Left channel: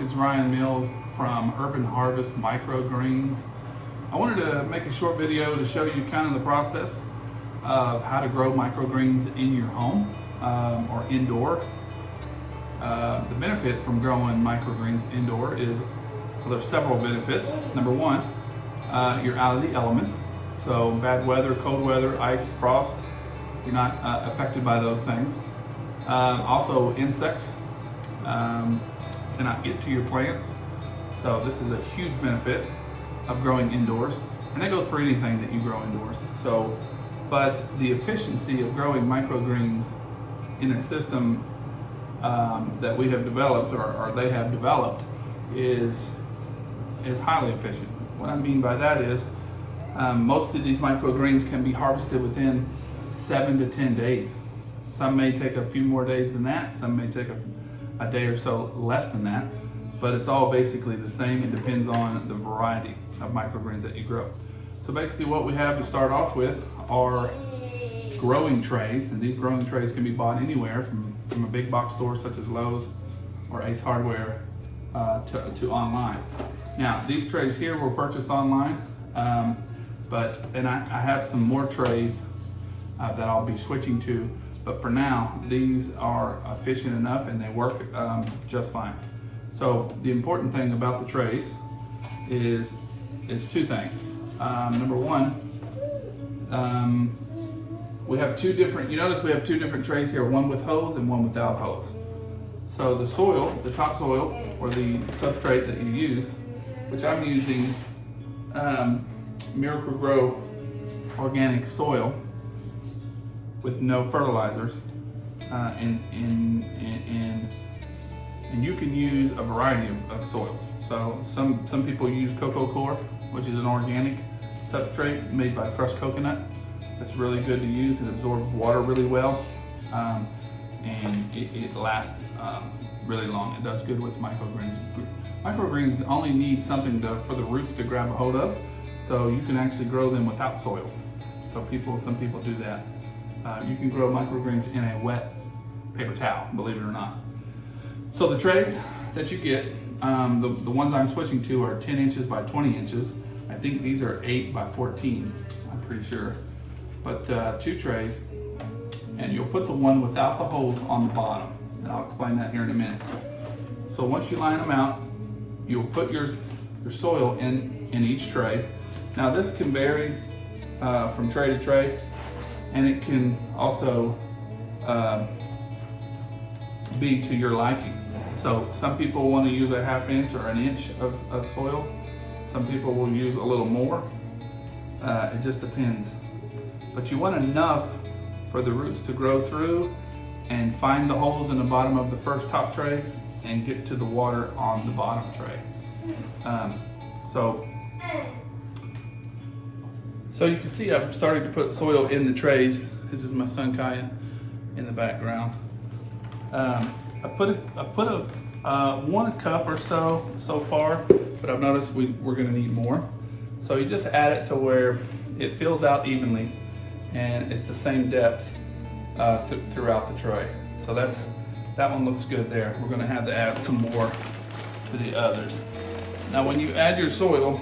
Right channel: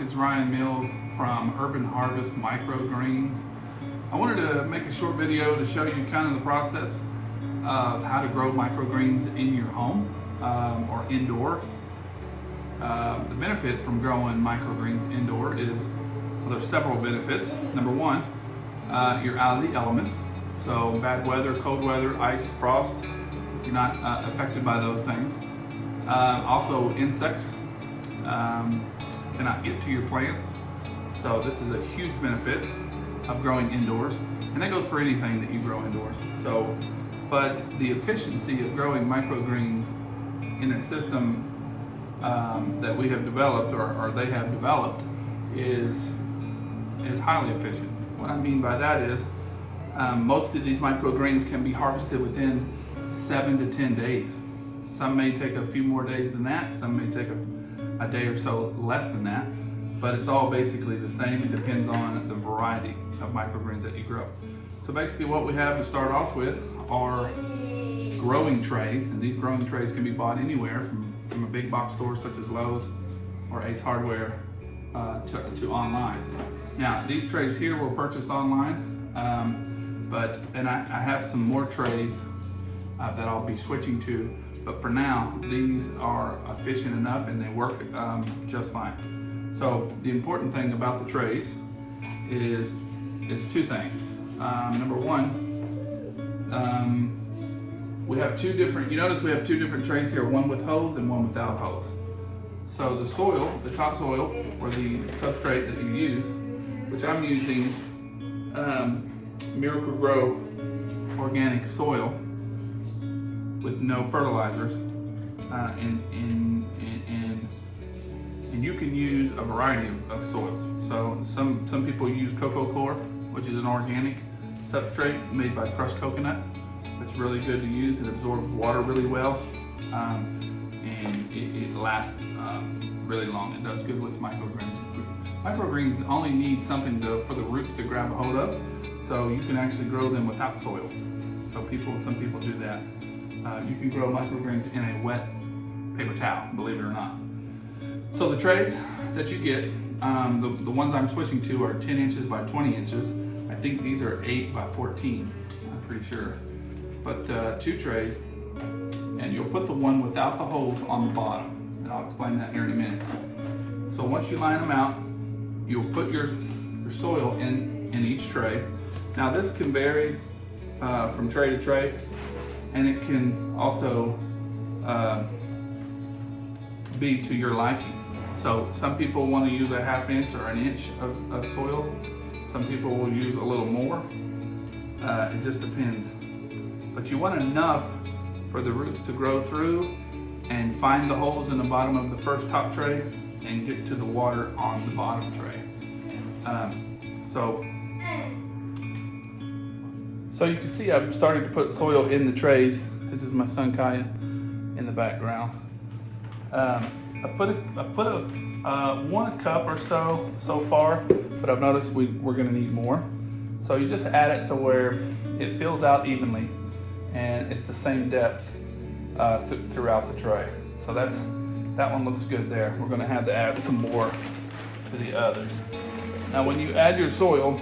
folks, it's Ryan Mills from Urban Harvest Microgreens. I wanted to make a short video to show you kind of the process of how to grow microgreens in your home or indoor. The benefit from growing microgreens indoor is, well, there's several benefits. Number one, you're out of the elements. So bad weather, cold weather, ice, frost, you're not affected by those things. Also insects cannot get to your plants. So this is a huge benefit of growing indoors. And that goes for anything that you grow indoors. So, but the efficiency of growing microgreens in a system that we have developed or they have developed is highly efficient. What I mean by that is most of these microgreens can be harvested within 7 to 10 days. Some may take a few more days than that. Some may take a day or so less than that, but it's all basically the same. It depends on the variety of microgreens that you grow. So basically what we have to start off with are growing trays, and these growing trays can be bought anywhere from a big box store such as Lowe's or Ace Hardware to online. Now these trays here were purchased online, and I have some more trays that I'll be switching to, but for now these are efficient enough and they work just fine. So the important thing about the trays is two things. Number one, we have two different, you notice we have two different trays here, one with hose and one without hose. So the soil, the topsoil or the substrate that you use, which I'm using Miracle-Gro organic soil with no fertilizers, and you can use a variety of soils. So some people use Coco Coir, which is an organic substrate made by crushed coconut. It's really good to use. It absorbs water really well, and it lasts really long. It does good with microgreens. Microgreens only need something for the roots to grab a hold of, so you can actually grow them without soil. So some people do that. You can grow microgreens in a wet paper towel, believe it or not. So the trays that you get, the ones I'm switching to are 10 inches by 20 inches. I think these are 8 by 14, I'm pretty sure. But two trays, and you'll put the one without the holes on the bottom, and I'll explain that here in a minute. So once you line them out, you'll put your soil in each tray. Now this can vary from tray to tray, and it can also be to your liking. So some people want to use a ½ inch or an inch of soil. Some people will use a little more. It just depends. But you want enough for the roots to grow through and find the holes in the bottom of the first top tray and get to the water on the bottom tray. So you can see I've started to put soil in the trays. This is my son Kaya in the background. I put a cup or so far, but I've noticed we're gonna need more. So you just add it to where it fills out evenly, and it's the same depth throughout the tray. So that one looks good there. We're gonna have to add some more to the others. Now when you add your soil,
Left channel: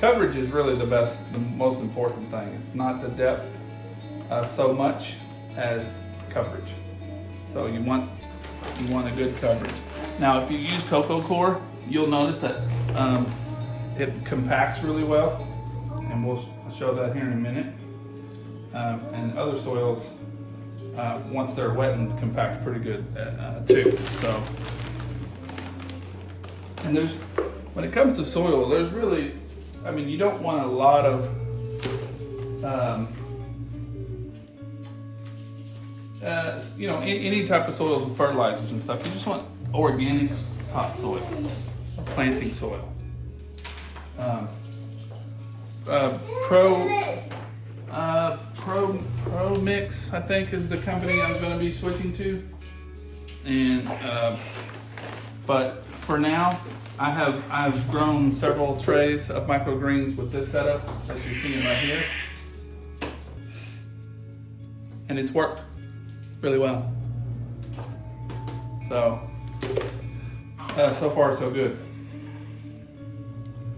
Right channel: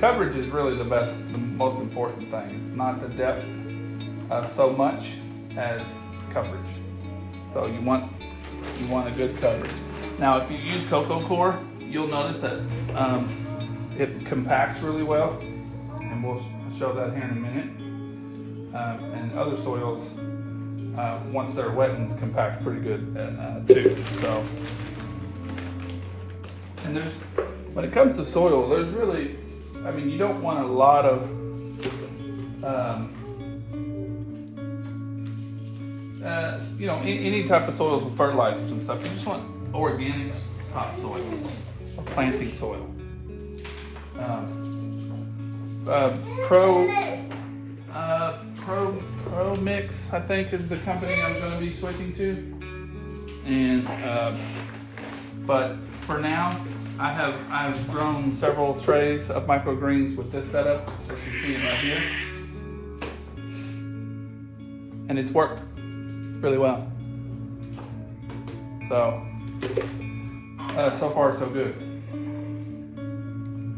coverage is really the most important thing. It's not the depth so much as coverage. So you want a good coverage. Now if you use Coco Coir, you'll notice that it compacts really well, and we'll show that here in a minute. And other soils, once they're wettened, compact pretty good too. So, and when it comes to soil, there's really, I mean, you don't want a lot of any type of soils with fertilizers and stuff. You just want organic topsoil or planting soil. Pro Mix, I think, is the company I'm going to be switching to. And but for now, I've grown several trays of microgreens with this setup that you're seeing right here, and it's worked really well. So So far, so good.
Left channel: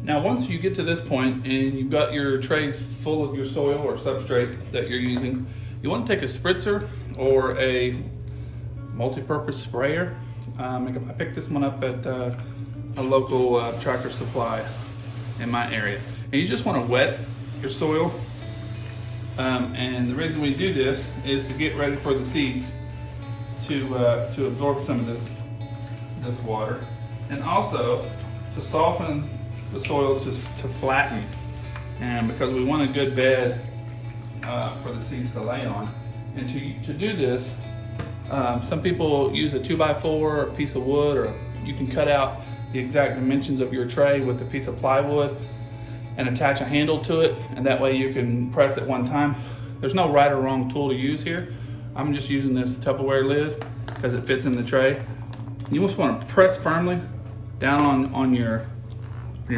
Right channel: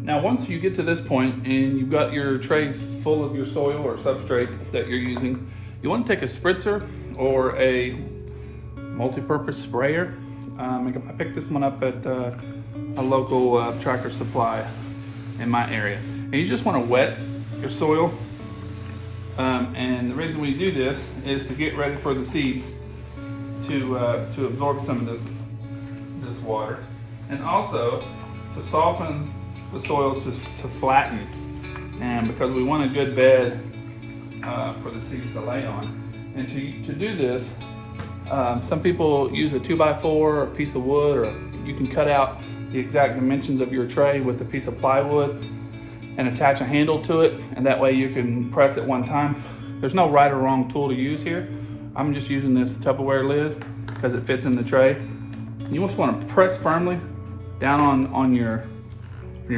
Now, once you get to this point and you've got your trays full of your soil or substrate that you're using, you want to take a spritzer or a multi-purpose sprayer. I picked this one up at a local Tractor Supply in my area. And you just want to wet your soil. And the reason we do this is to get ready for the seeds to absorb some of this water, and also to soften the soil to flatten, and because we want a good bed for the seeds to lay on. And to do this, some people use a 2x4 or a piece of wood, or you can cut out the exact dimensions of your tray with a piece of plywood and attach a handle to it, and that way you can press it one time. There's no right or wrong tool to use here. I'm just using this Tupperware lid because it fits in the tray. You just want to press firmly down on your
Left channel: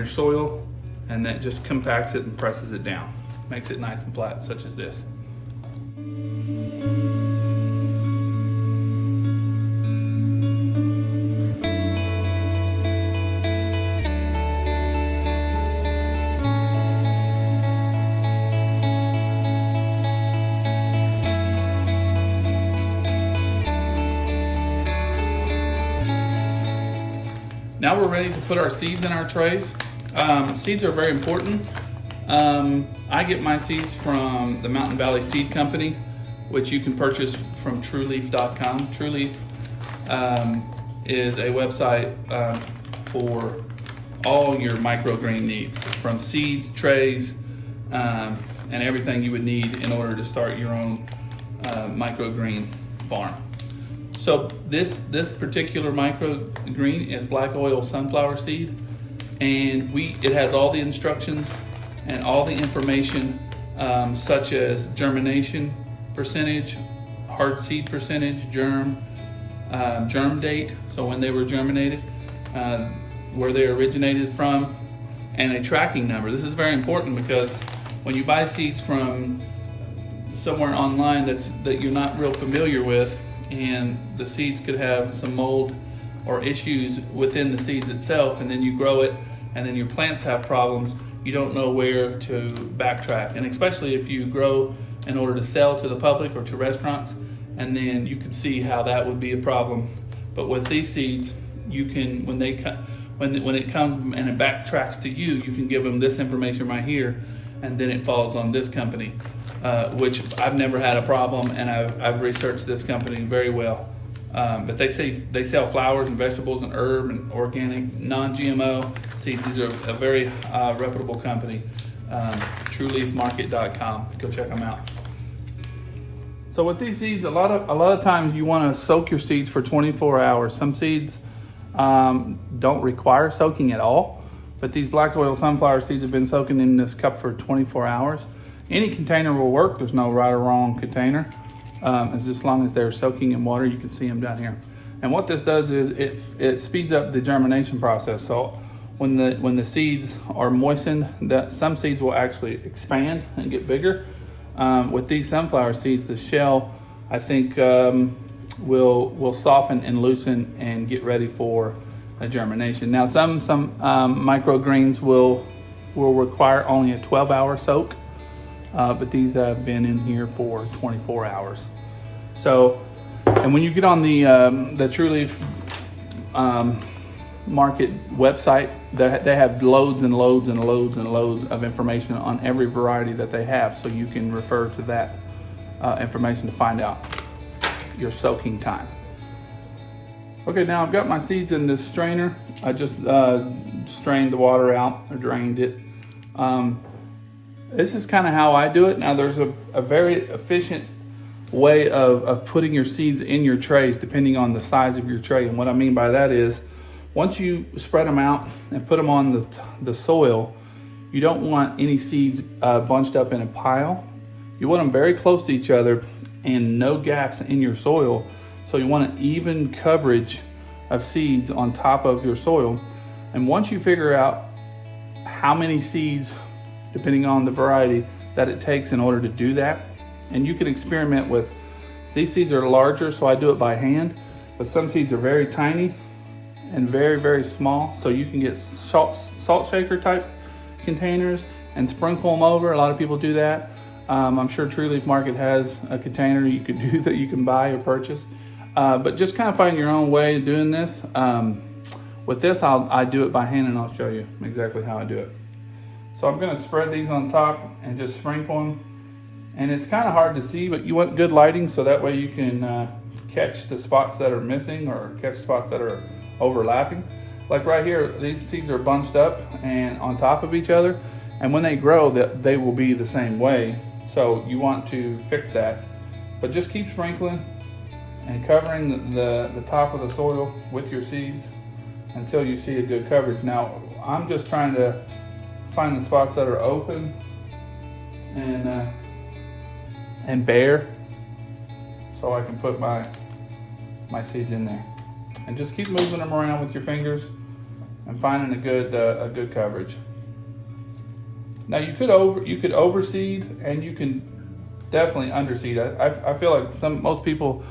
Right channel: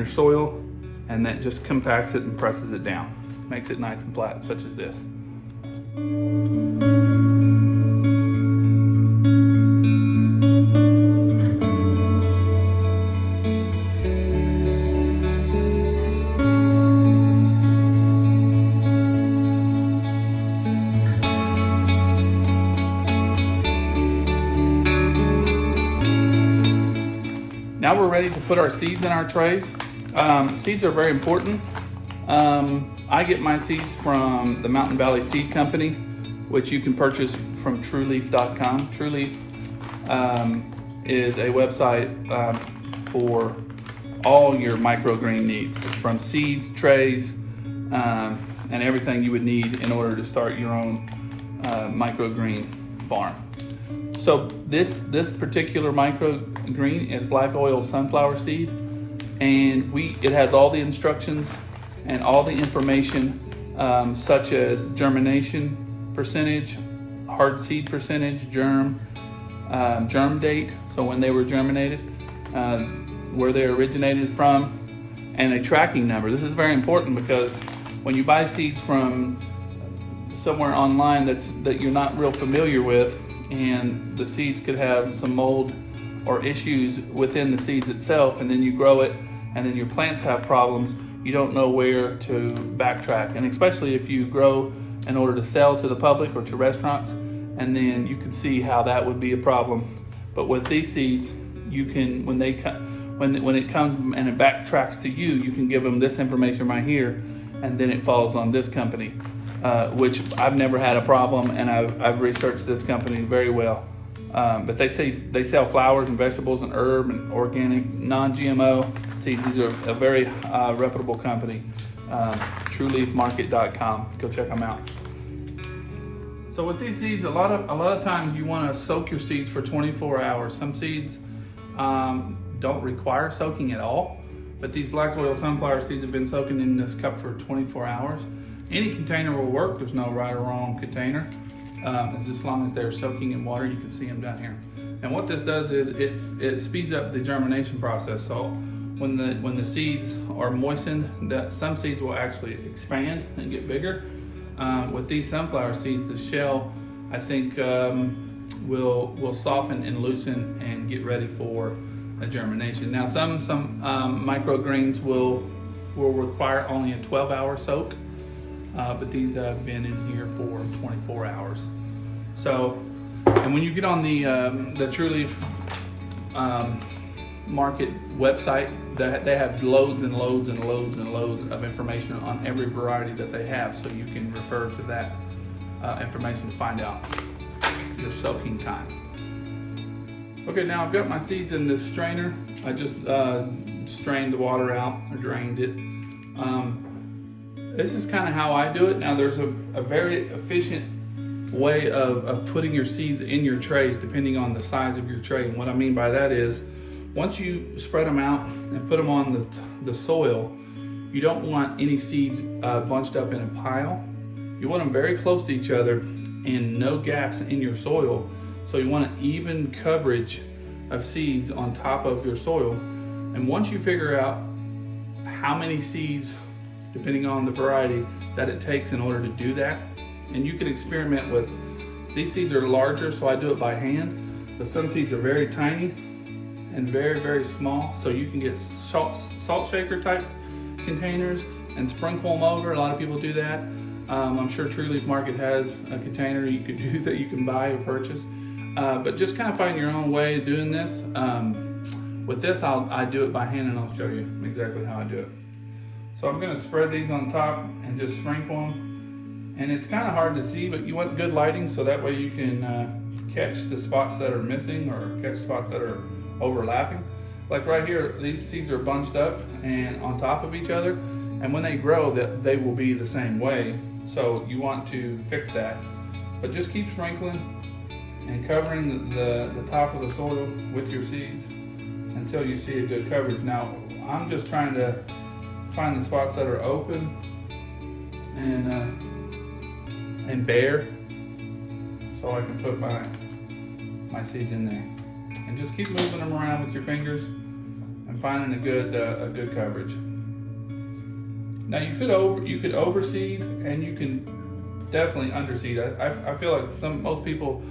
soil, and that just compacts it and presses it down. Makes it nice and flat, such as this. Now we're ready to put our seeds in our trays. Seeds are very important. I get my seeds from the Mountain Valley Seed Company, which you can purchase from trueleaf.com. TrueLeaf is a website for all your microgreen needs, from seeds, trays, and everything you would need in order to start your own microgreen farm. So this particular microgreen is black oil sunflower seed, and it has all the instructions and all the information, such as germination percentage, hard seed percentage, germ date, so when they were germinated, where they originated from, and a tracking number. This is very important because when you buy seeds from somewhere online that you're not real familiar with, and the seeds could have some mold or issues within the seeds itself, and then you grow it and then your plants have problems, you don't know where to backtrack. And especially if you grow in order to sell to the public or to restaurants, and then you can see how that would be a problem. But with these seeds, you can, when it comes and it backtracks to you, you can give them this information right here, and then it falls on this company, which I've never had a problem, and I've researched this company very well. But they sell flowers and vegetables and herb and organic, non-GMO seeds. These are a very reputable company. TrueLeafMarket.com. Go check them out. So with these seeds, a lot of times you want to soak your seeds for 24 hours. Some seeds don't require soaking at all, but these black oil sunflower seeds have been soaking in this cup for 24 hours. Any container will work. There's no right or wrong container. As long as they're soaking in water. You can see them down here. And what this does is it speeds up the germination process. So when the seeds are moistened, some seeds will actually expand and get bigger. With these sunflower seeds, the shell, I think, will soften and loosen and get ready for a germination. Now some microgreens will require only a 12-hour soak. But these have been in here for 24 hours. So, and when you get on the TrueLeaf Market website, they have loads and loads and loads and loads of information on every variety that they have. So you can refer to that information to find out your soaking time. Okay, now I've got my seeds in this strainer. I just strained the water out, or drained it. This is kind of how I do it. Now there's a very efficient way of putting your seeds in your trays depending on the size of your tray. And what I mean by that is, once you spread them out and put them on the soil, you don't want any seeds bunched up in a pile. You want them very close to each other and no gaps in your soil. So you want an even coverage of seeds on top of your soil. And once you figure out how many seeds, depending on the variety, that it takes in order to do that, and you can experiment with, these seeds are larger, so I do it by hand, but some seeds are very tiny, and very, very small. So you can get salt shaker type containers and sprinkle them over. A lot of people do that. I'm sure True Leaf Market has a container you could do that you can buy or purchase. But just kind of find your own way of doing this. With this, I do it by hand, and I'll show you exactly how I do it. So I'm gonna spread these on top and just sprinkle them. And it's kind of hard to see, but you want good lighting so that way you can catch the spots that are missing or catch spots that are overlapping. Like right here, these seeds are bunched up and on top of each other, and when they grow, they will be the same way. So you want to fix that. But just keep sprinkling and covering the top of the soil with your seeds until you see a good coverage. Now, I'm just trying to find the spots that are open and bare, so I can put my seeds in there. And just keep moving them around with your fingers and finding a good coverage. Now you could overseed, and you can definitely underseed. I feel like most people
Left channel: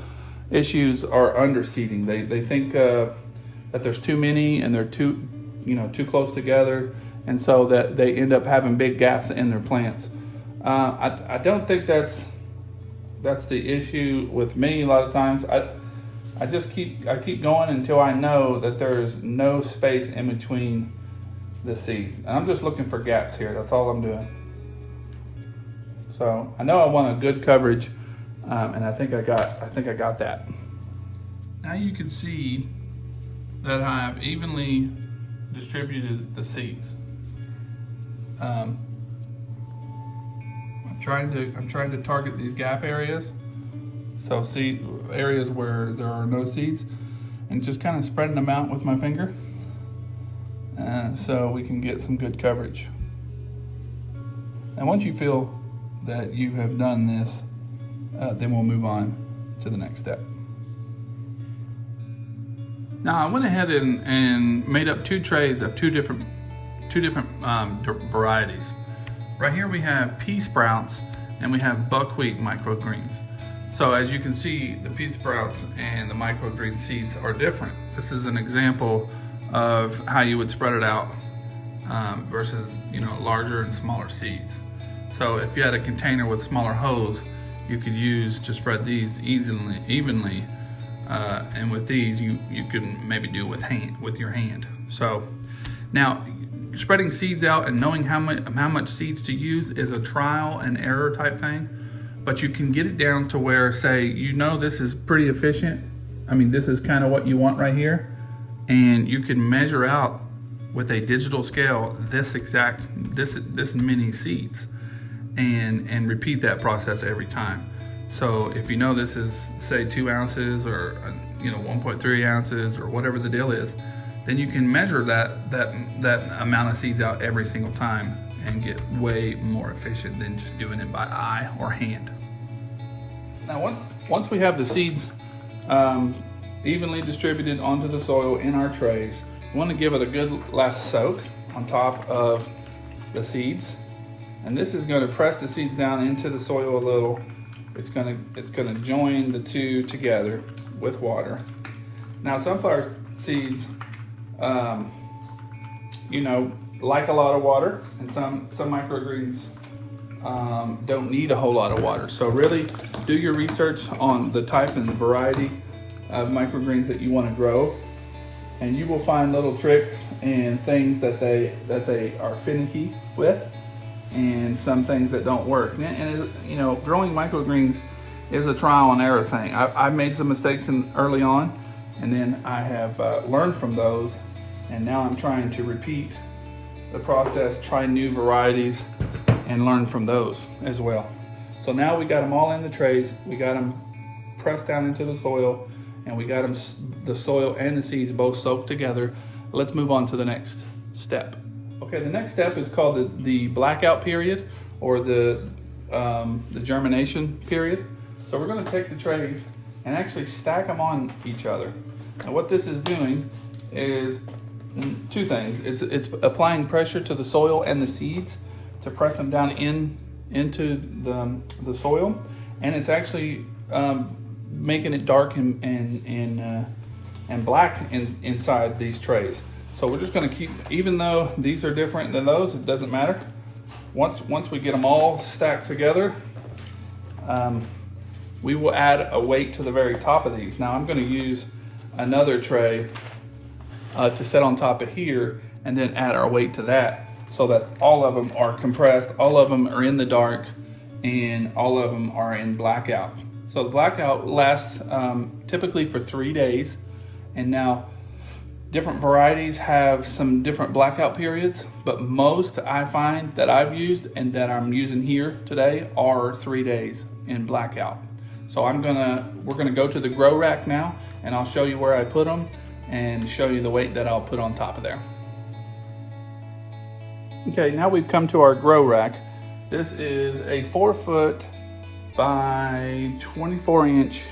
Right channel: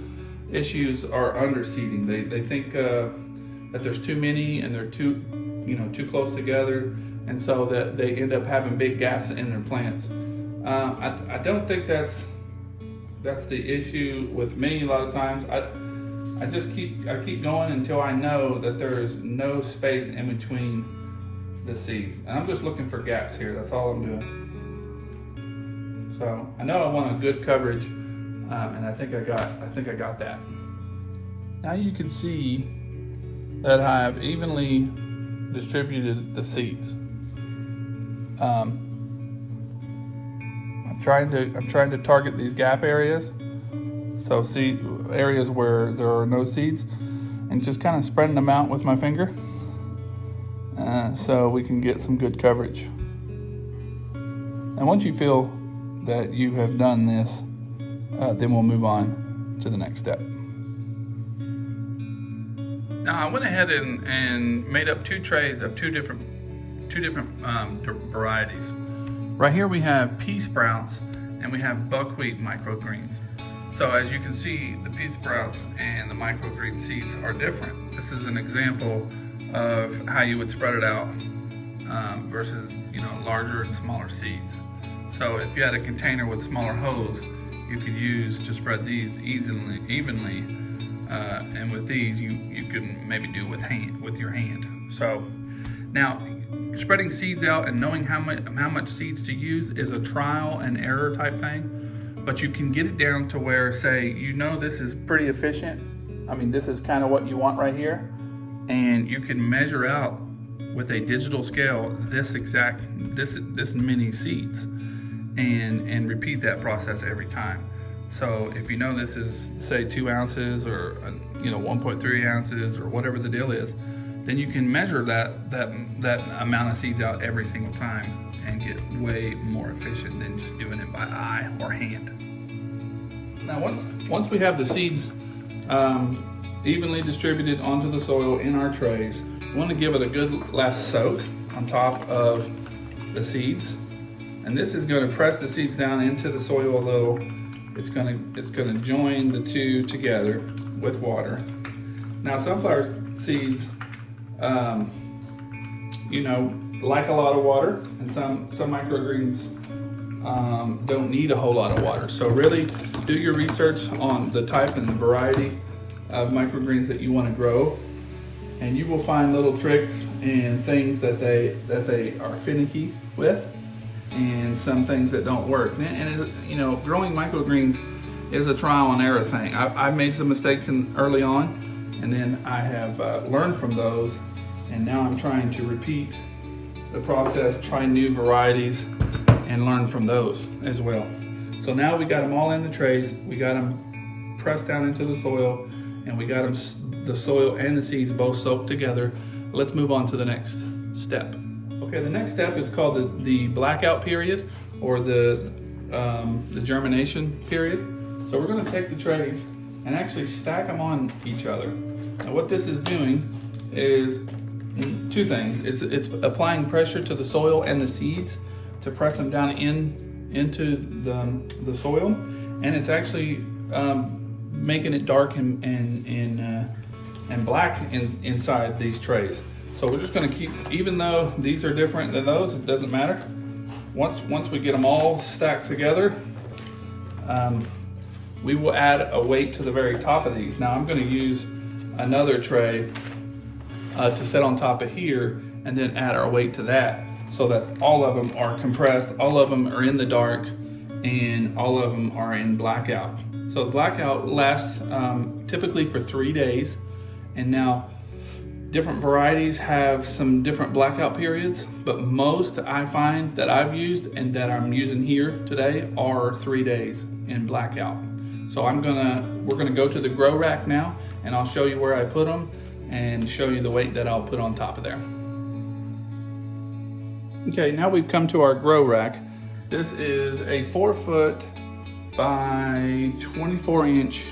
issues are underseeding. They think that there's too many and they're too close together, and so that they end up having big gaps in their plants. I don't think that's the issue with me. A lot of times I keep going until I know that there is no space in between the seeds, and I'm just looking for gaps here. That's all I'm doing. So I know I want a good coverage, and I think I got that. Now you can see that I have evenly distributed the seeds. I'm trying to target these gap areas, so see areas where there are no seeds, and just kind of spreading them out with my finger, so we can get some good coverage. And once you feel that you have done this, then we'll move on to the next step. Now I went ahead and made up 2 trays of two different varieties. Right here we have pea sprouts and we have buckwheat microgreens. So as you can see, the pea sprouts and the microgreen seeds are different. This is an example of how you would spread it out versus larger and smaller seeds. So if you had a container with smaller holes, you could use to spread these evenly, and with these you can maybe do with your hand. So now, spreading seeds out and knowing how much seeds to use is a trial and error type thing, but you can get it down to where, say, this is pretty efficient. I mean, this is kind of what you want right here, and you can measure out with a digital scale this many seeds, and repeat that process every time. So if this is, say, 2 ounces or 1.3 ounces or whatever the deal is, then you can measure that amount of seeds out every single time and get way more efficient than just doing it by eye or hand. Now once we have the seeds evenly distributed onto the soil in our trays, we want to give it a good last soak on top of the seeds. And this is going to press the seeds down into the soil a little. It's going to join the two together with water. Now sunflower seeds like a lot of water, and some microgreens don't need a whole lot of water. So really do your research on the type and variety of microgreens that you want to grow, and you will find little tricks and things that they are finicky with, and some things that don't work. And growing microgreens is a trial and error thing. I made some mistakes early on, and then I have learned from those, and now I'm trying to repeat the process, try new varieties, and learn from those as well. So now we got them all in the trays, we got them pressed down into the soil, and we got the soil and the seeds both soaked together. Let's move on to the next step. Okay, the next step is called the blackout period, or the germination period. So we're going to take the trays and actually stack them on each other. And what this is doing is 2 things. It's applying pressure to the soil and the seeds to press them down into the soil, and it's actually making it dark and and black inside these trays. So we're just gonna keep, even though these are different than those, it doesn't matter. Once we get them all stacked together, we will add a weight to the very top of these. Now I'm gonna use another tray to set on top of here and then add our weight to that so that all of them are compressed, all of them are in the dark, and all of them are in blackout. So the blackout lasts typically for 3 days. And now different varieties have some different blackout periods, but most I find that I've used and that I'm using here today are 3 days in blackout. So we're gonna go to the grow rack now, and I'll show you where I put them and show you the weight that I'll put on top of there. Okay, now we've come to our grow rack. This is a 4 foot by 24 inch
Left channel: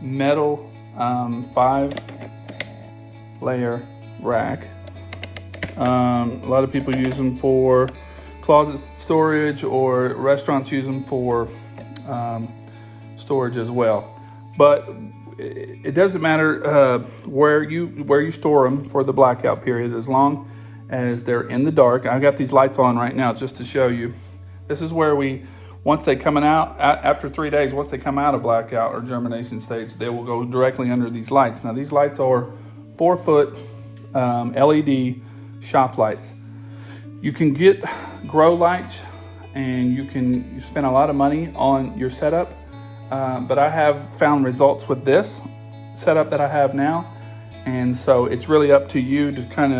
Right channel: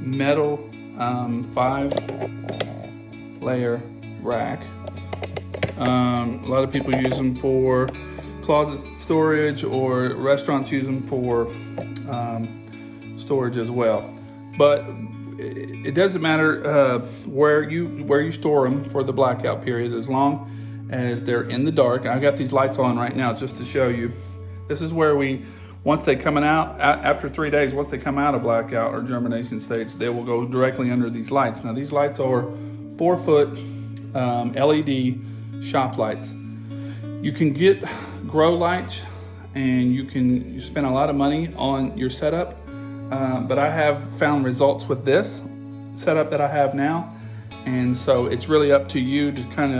metal 5 layer rack. A lot of people use them for closet storage, or restaurants use them for storage as well. But it doesn't matter where you store them for the blackout period, as long as they're in the dark. I got these lights on right now just to show you. This is where once they come out, after 3 days, once they come out of blackout or germination stage, they will go directly under these lights. Now these lights are 4 foot LED shop lights. You can get grow lights and you spend a lot of money on your setup, but I have found results with this setup that I have now. And so it's really up to you to kind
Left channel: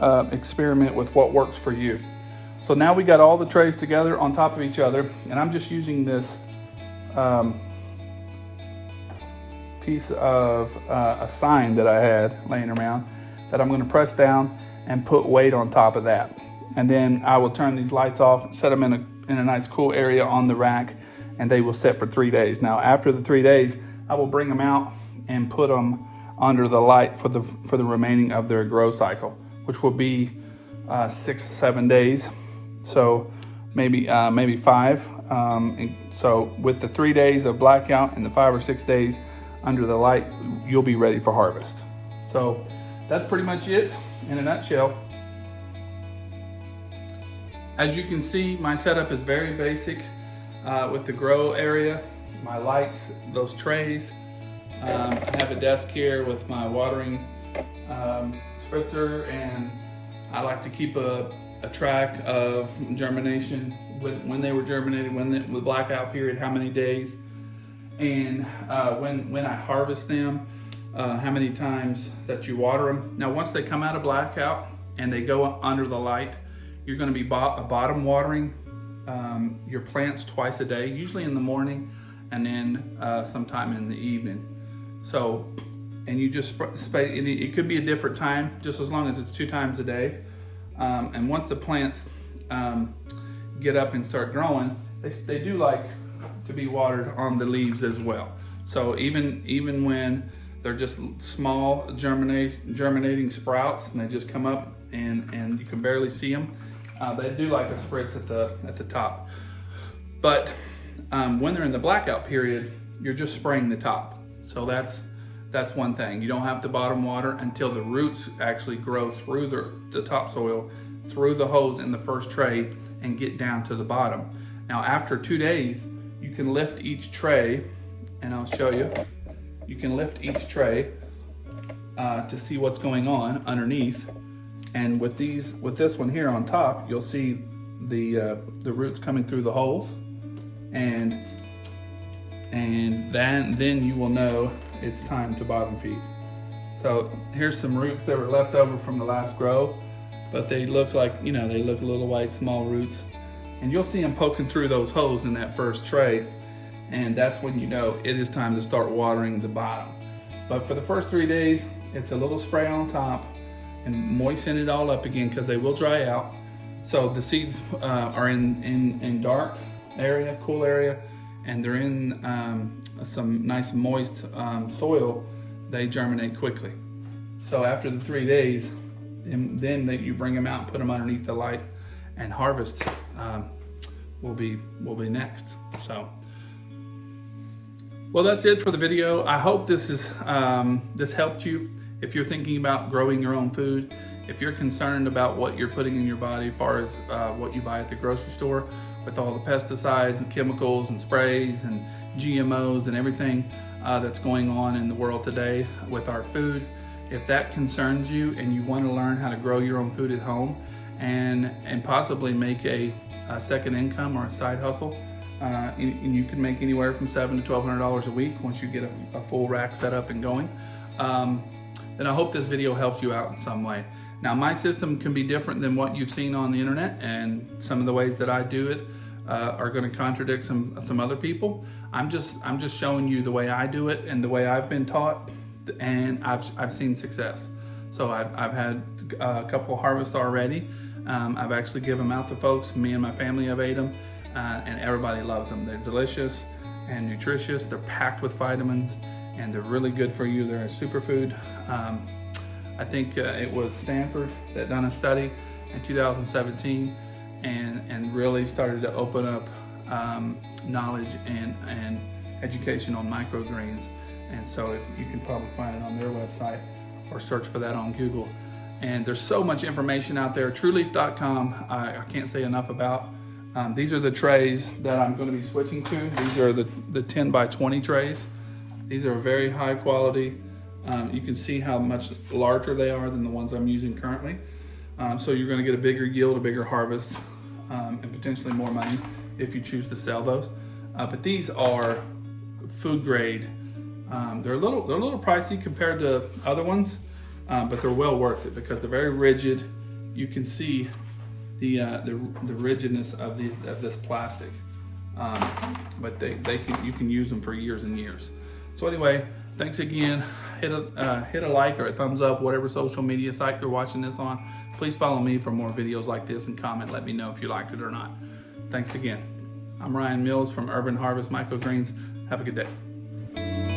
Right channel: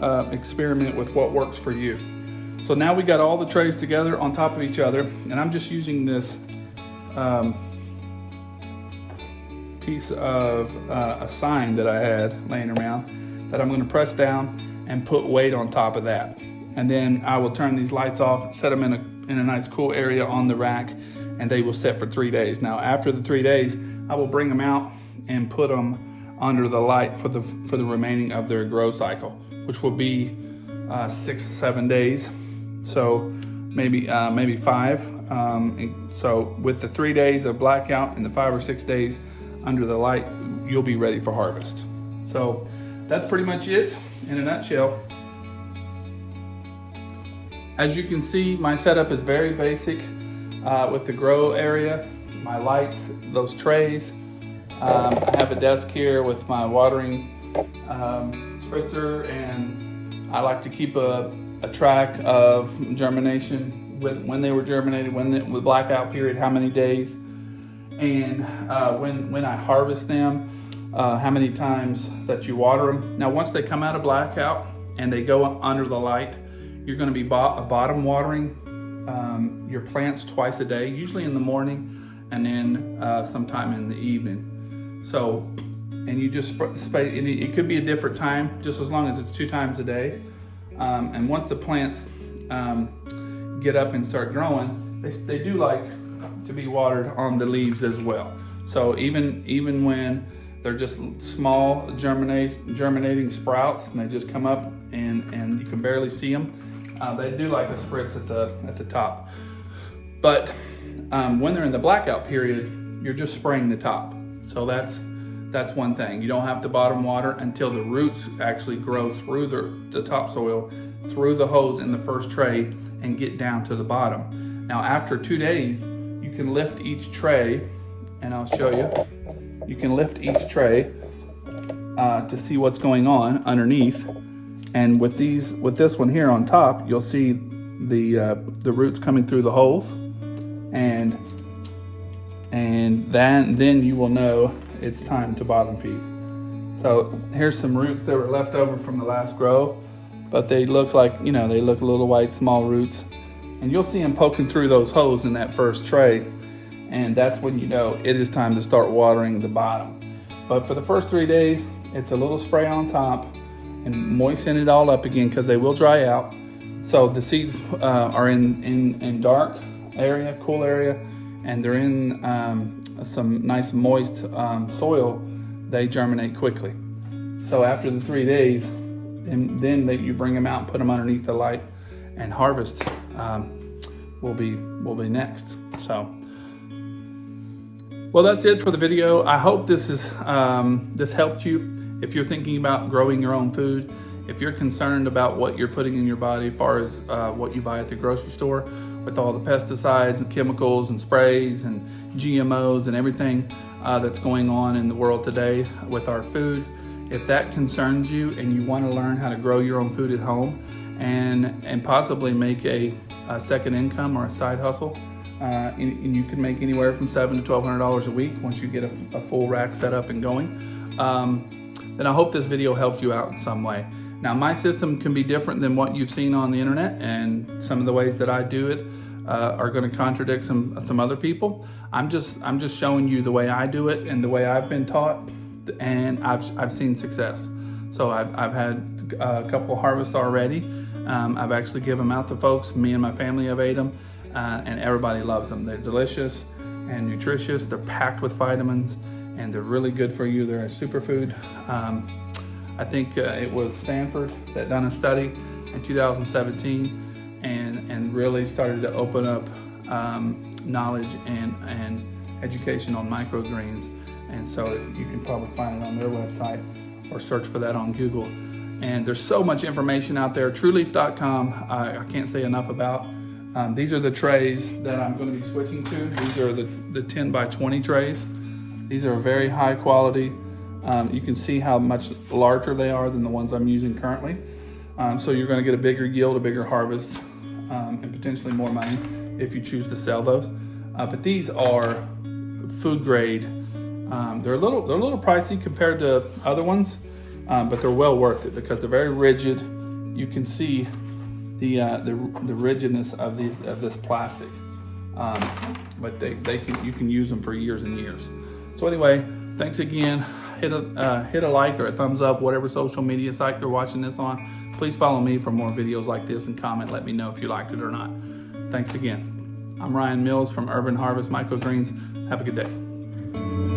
of experiment with what works for you. So now we got all the trays together on top of each other, and I'm just using this piece of a sign that I had laying around that I'm going to press down and put weight on top of that. And then I will turn these lights off, set them in a nice cool area on the rack, and they will set for 3 days. Now after the 3 days, I will bring them out and put them under the light for the remaining of their grow cycle, which will be 6-7 days. So maybe 5. So with the 3 days of blackout and the 5 or 6 days under the light, you'll be ready for harvest. So that's pretty much it in a nutshell. As you can see, my setup is very basic with the grow area, my lights, those trays. I have a desk here with my watering spritzer, and I like to keep a track of germination, when they were germinated, the blackout period, how many days, and when I harvest them, how many times that you water them. Now once they come out of blackout and they go under the light, you're going to be bottom watering your plants twice a day, usually in the morning and then sometime in the evening. So, and you just spray, and it could be a different time, just as long as it's 2 times a day. And once the plants get up and start growing, they do like to be watered on the leaves as well. So even when they're just small germinating sprouts and they just come up and you can barely see them, they do like a spritz at the top. But when they're in the blackout period, you're just spraying the top. So that's one thing. You don't have to bottom water until the roots actually grow through the topsoil, through the hose in the first tray, and get down to the bottom. Now after 2 days, you can lift each tray, and I'll show you. You can lift each tray to see what's going on underneath. And with this one here on top, you'll see the roots coming through the holes, and then you will know it's time to bottom feed. So here's some roots that were left over from the last grow, but they look like, they look little white small roots, and you'll see them poking through those holes in that first tray, and that's when you know it is time to start watering the bottom. But for the first 3 days, it's a little spray on top and moisten it all up again, because they will dry out. So the seeds are in dark area, cool area, and they're in some nice moist soil. They germinate quickly. So after the 3 days, then you bring them out and put them underneath the light, and harvest will be next. So, well, that's it for the video. I hope this helped you. if you're thinking about growing your own food, if you're concerned about what you're putting in your body as far as what you buy at the grocery store with all the pesticides and chemicals and sprays and GMOs and everything that's going on in the world today with our food, if that concerns you and you want to learn how to grow your own food at home and possibly make a second income or a side hustle, and you can make anywhere from $700 to $1,200 a week once you get a full rack set up and going, then I hope this video helps you out in some way. Now, my system can be different than what you've seen on the internet, and some of the ways that I do it are going to contradict some other people. I'm just showing you the way I do it and the way I've been taught, and I've seen success. So I've had a couple harvests already. I've actually given them out to folks. Me and my family have ate them, and everybody loves them. They're delicious and nutritious. They're packed with vitamins, and they're really good for you. They're a superfood. I think it was Stanford that done a study in 2017 and really started to open up knowledge and education on microgreens. And so you can probably find it on their website or search for that on Google. And there's so much information out there. TrueLeaf.com, I can't say enough about. These are the trays that I'm going to be switching to. These are the 10 by 20 trays. These are very high quality. You can see how much larger they are than the ones I'm using currently. So you're going to get a bigger yield, a bigger harvest, and potentially more money if you choose to sell those. But these are food grade. They're a little pricey compared to other ones, but they're well worth it because they're very rigid. You can see the rigidness of this plastic, but you can use them for years and years. So anyway, thanks again. Hit a like or a thumbs up, whatever social media site you're watching this on. Please follow me for more videos like this and comment. Let me know if you liked it or not. Thanks again. I'm Ryan Mills from Urban Harvest Microgreens. Have a good day.